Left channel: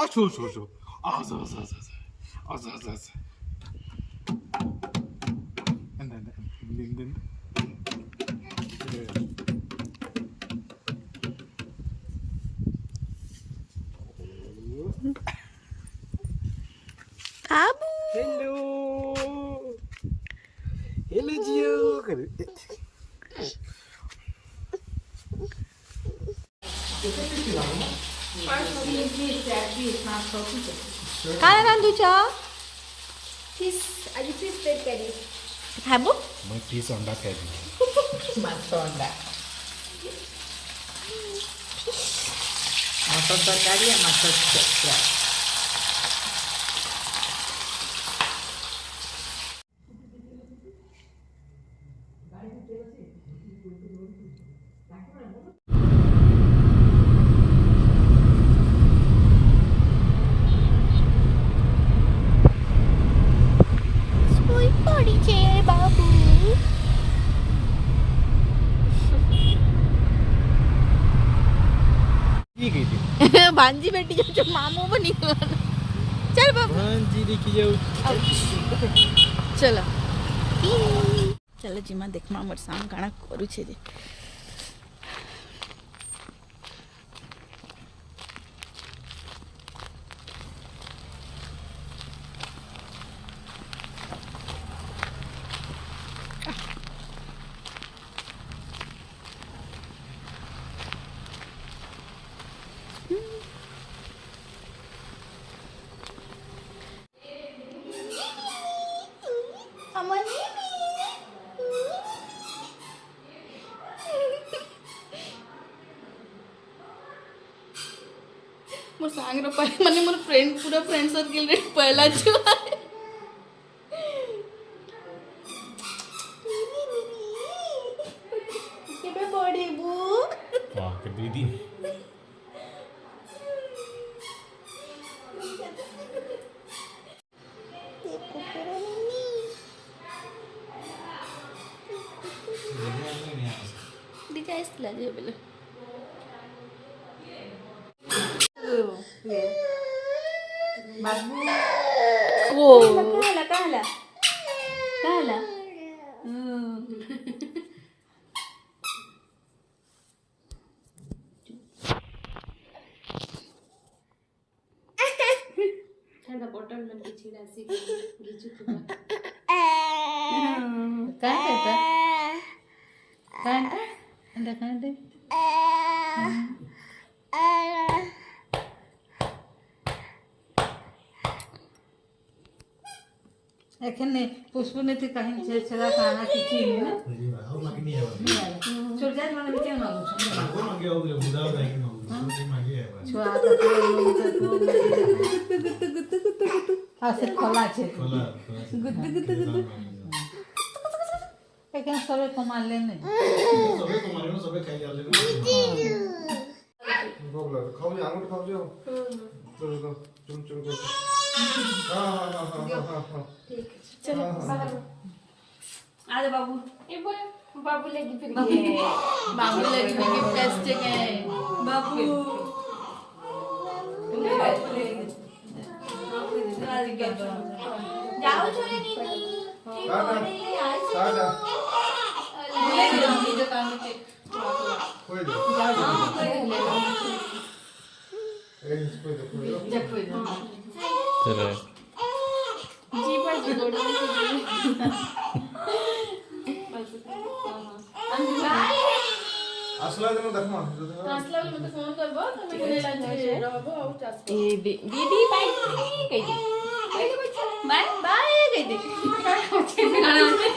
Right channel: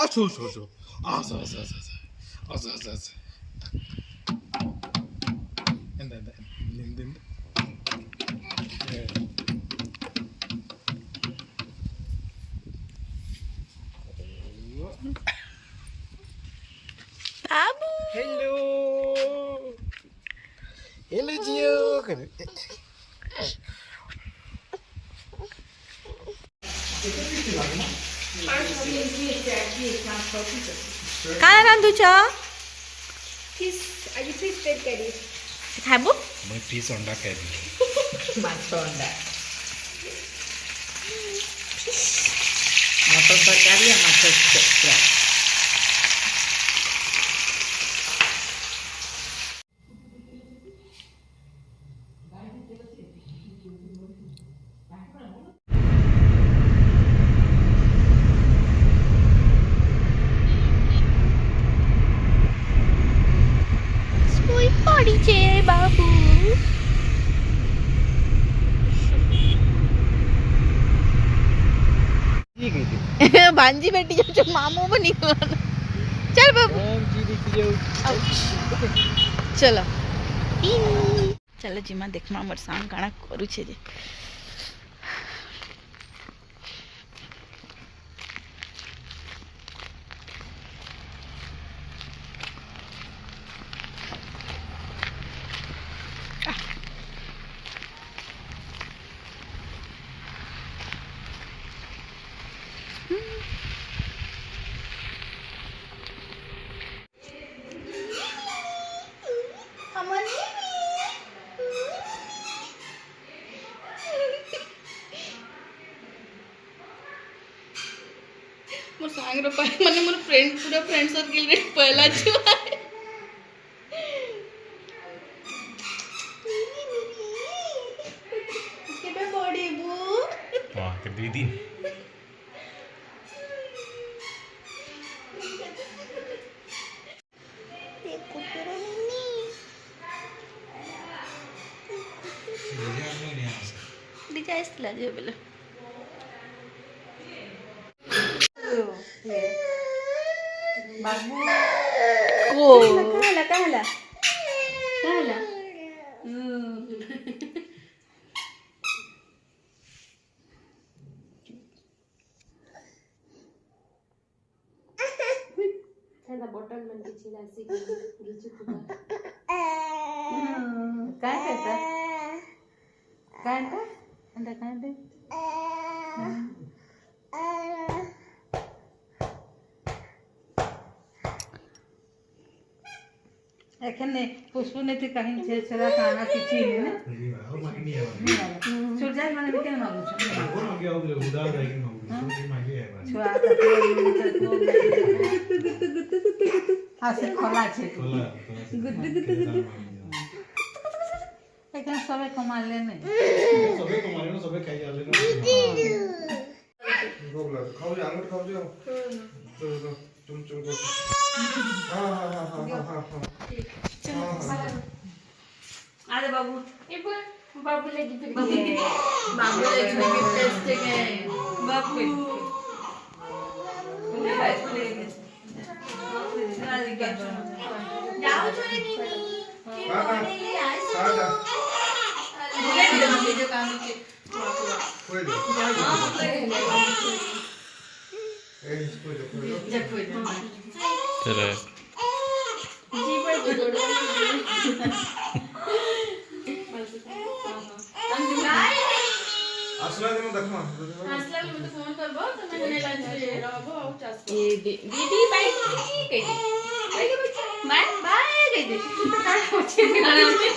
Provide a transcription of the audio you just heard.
अच्छा छोड़ Abu. Hello Gio. काय रांधूच्या फिश आजी फिश तरकारी खाबो मैं फिश अंडा खाई माछ अंडा माछ तरकारी माछ पड़ीचे बाबू भांजी बेटी जो मामू बनी चल बाबू चलो चलो जीमा देखमा मोर सांग काना करू छे जे मोर सांग रो पाए माने मोर फ्रेंड पूरा फ्रेंड साथ गेल रे पहला छुआ केबे बड़ी बू वाह के 2 दिन देखो तेरा नन्नी डिजाइस लाजे बोले बाबू ओ काला ठंडा बोतल में किसी राशि गिजू खुदा कांटा अंडा कांटे এখানে পুষ্পনীতি কাহিনী ছেড়া কানা কিছু নেই না ছুট যায় মানে কেন ছুয়া হাসে খোলা আছে এখানে সবে কমালে নেই সবে খাই যালে ভোগলা খাও যে আঙুর খাও যাও তো চুন চুন করো हाँ चलो আরে বাবু ये बोल बाबू लगी फिर बाबू लगी फिर टेस्ट है বাবু जाओ छोरे दीदी सादा जो काम के कोई दो ए इसको जो कोई दो चलो जी पर जी बोल हम बाय आसला दे देखो असला भी मते फोन करबो तमे ने लंच रहबो और चास ए दीदी बाय कह दे बाय बाय कह दे